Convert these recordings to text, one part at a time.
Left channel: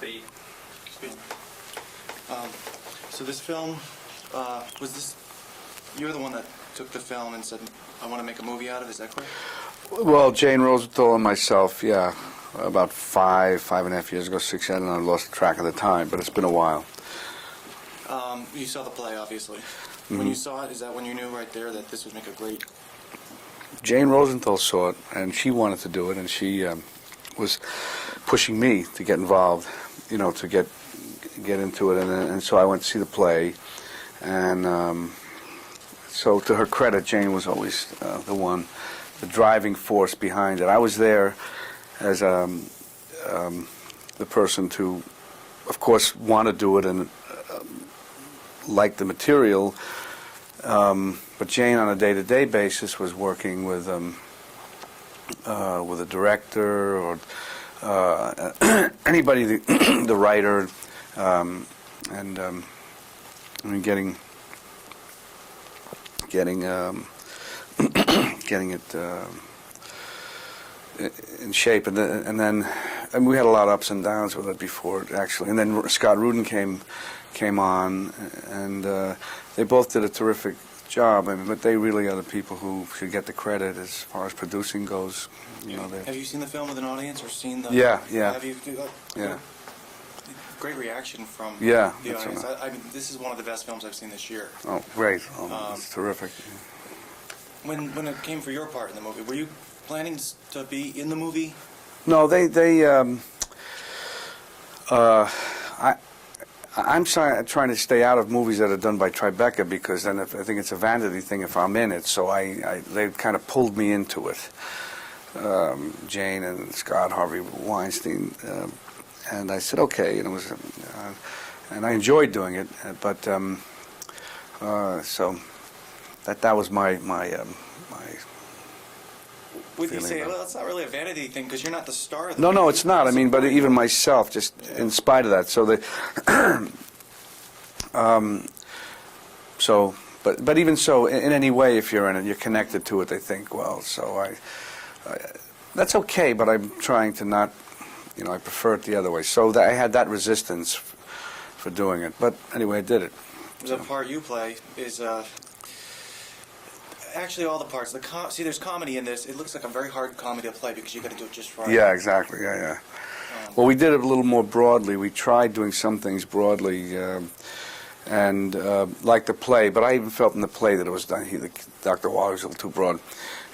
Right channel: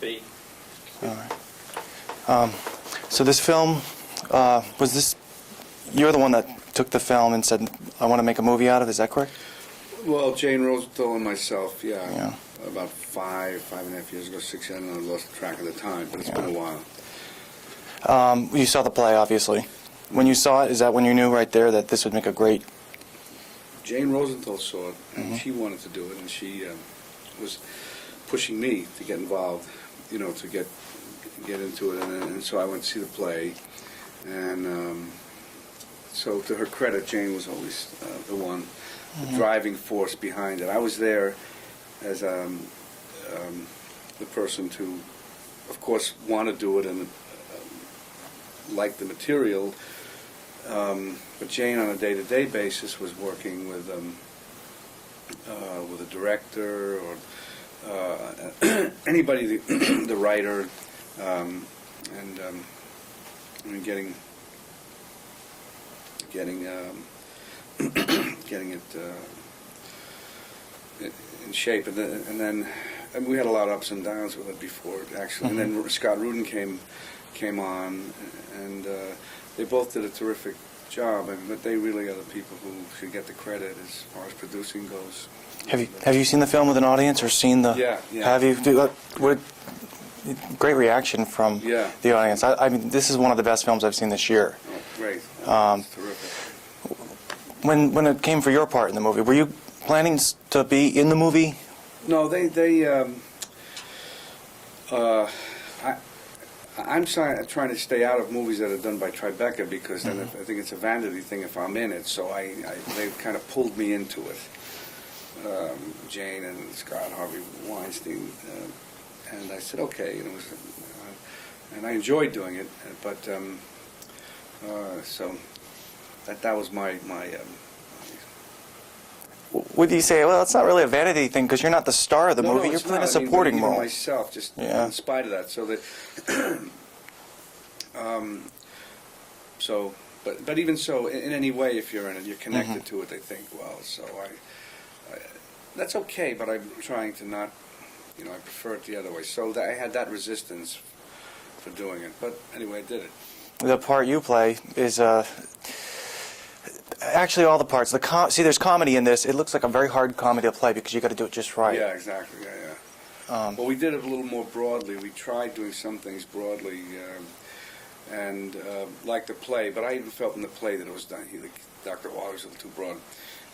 speed. All right. So this film, was this, you're the one that took the film and said, I want to make a movie out of it, is that correct? Well, Jane Rosenthal and myself, yeah. About 5.5 years ago, 6, I don't know, I lost track of the time, but it's been a while. You saw the play, obviously. When you saw it, is that when you knew right there that this would make a great... Jane Rosenthal saw it, and she wanted to do it, and she was pushing me to get involved, you know, to get into it, and so I went to see the play, and so to her credit, Jane was always the one, the driving force behind it. I was there as the person to, of course, want to do it and like the material, but Jane on a day-to-day basis was working with a director or anybody, the writer, and I mean, getting it in shape, and then we had a lot of ups and downs with it before actually, and then Scott Rudin came on, and they both did a terrific job. I mean, but they really are the people who should get the credit as far as producing goes. Have you seen the film with an audience or seen the... Yeah. Have you? Great reaction from the audience. I mean, this is one of the best films I've seen this year. Oh, great. Oh, that's terrific. When it came for your part in the movie, were you planning to be in the movie? No, I'm trying to stay out of movies that are done by Tribeca, because then I think it's a vanity thing if I'm in it. So they've kind of pulled me into it. Jane and Scott Harvey Weinstein, and I said okay, and it was, and I enjoyed doing it. But so that was my. Would you say, well, it's not really a vanity thing because you're not the star of the movie? No, it's not. I mean, but even role. myself, just in spite of that. So but even so, in any way, if you're in it, you're connected to it. They think, well, so that's okay. But I'm trying to not, you know, I prefer it the other way. So I had that resistance for doing it. But anyway, I did it. The part you play is actually all the parts. See, there's comedy in this. It looks like a very hard comedy to play because you got to do it just right. Yeah, exactly. Yeah. Well, we did it a little more broadly. We tried doing some things broadly, and like the play. But I even felt in the play that it was done. Dr. Waller was a little too broad,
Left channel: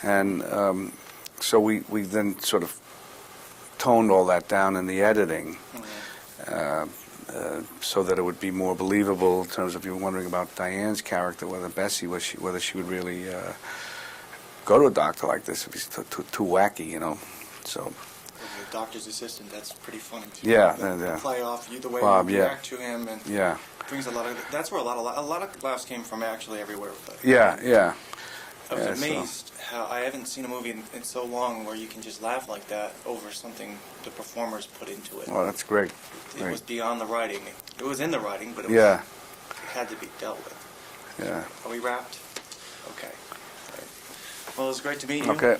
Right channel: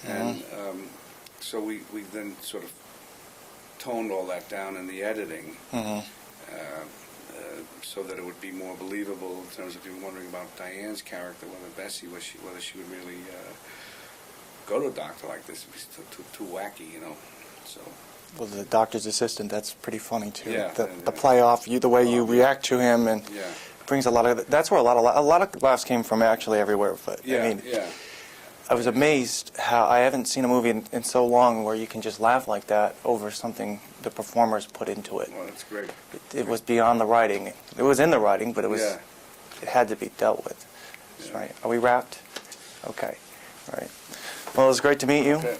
and so we then sort of toned all that down in the editing. So that it would be more believable in terms of you wondering about Diane's character, whether Bessie whether she would really go to a doctor like this if he's too wacky, you know. So the doctor's assistant, that's pretty funny too. Yeah, the play off, the way you react to him, and brings a lot of. That's where a lot of laughs came from actually everywhere. But I was amazed how I haven't seen a movie in so long where you can just laugh like that over something the performers put into it. Oh, that's great. It was beyond the writing. It was in the writing, but it was it had to be dealt with. Yeah. Right. Are we wrapped? Okay. All right. Well, it was great to meet you. Okay.